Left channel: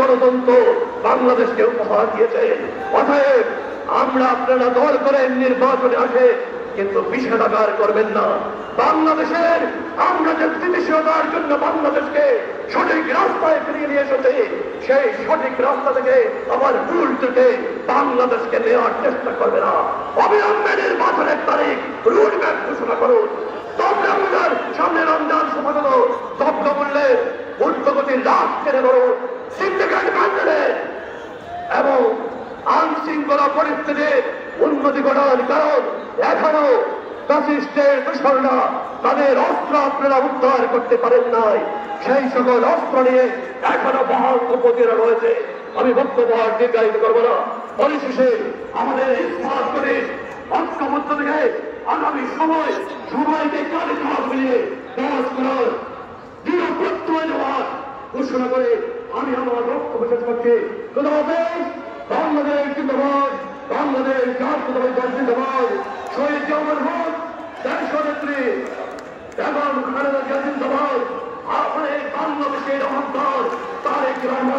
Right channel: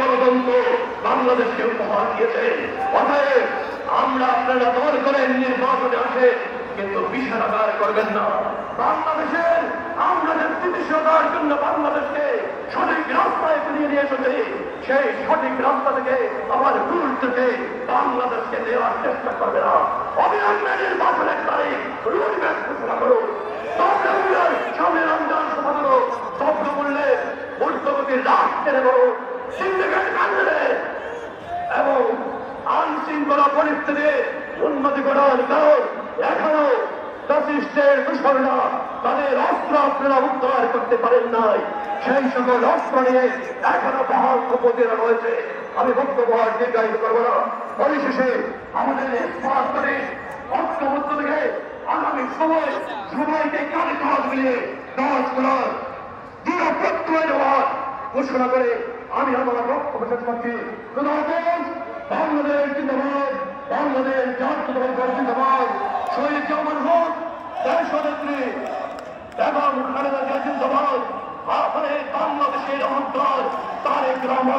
গণতন্ত্র বাংলাদেশকে উপহার দিয়েছে। অতএব আমরা আপনারা দল করেন নির্বাচনে আসে, কিন্তু বিষাদাগার করবেন না। বাংলাদেশের আমরা যে স্থিতিশীলতার জন্য বাংলাদেশকে সঠিক রাস্তায় ফিরিয়ে নিয়ে এসেছে, সেই সঠিক রাস্তা থেকে আবার ভুল থেকে বাংলাদেশকে নেওয়ার চেষ্টা করবে না। অবিলম্বে নির্বাচনের তারিখ রুটম্যাপ ঘোষণা করুন। সামনে রমজান সভা হল, শব্দ করলে ঊর্ধ্বগতির রাত কেড়ে দেব, সিন্ডিকেট বাঁধতে দেন এবং আইনশৃঙ্খলা পরিস্থিতি উন্নতি ঘটান। কারণ এখনো ফ্যাসিস্টের দূষণরা তাদের অস্ত্র আপনারা উদ্ধার করতে পারেন নাই। সেই সকল অস্ত্র নিয়ে এখনো বহাউদ্যোগীরা রয়েছে। আমি বক্তব্য আর দীর্ঘায়িত করবো না। পরিশেষে আমাদের স্মার্ট করে ঐক্যবদ্ধ থেকে আগামী সময় সবাইকে কাঁধে কাঁধ মিলিয়ে কাজ করার দৃঢ় প্রত্যয় নেওয়ার ঘোষণা করে আমি আমার বক্তব্য শেষ করছি। বাংলাদেশ জিন্দাবাদ, বাংলাদেশ জাতীয়তাবাদী দল জিন্দাবাদ, শহীদ জিয়াউর হক দেশনেত্রী এবং খালেদা জিয়া জিন্দাবাদ, আমাদের বাংলাদেশের অহংকার তারেক রহমান।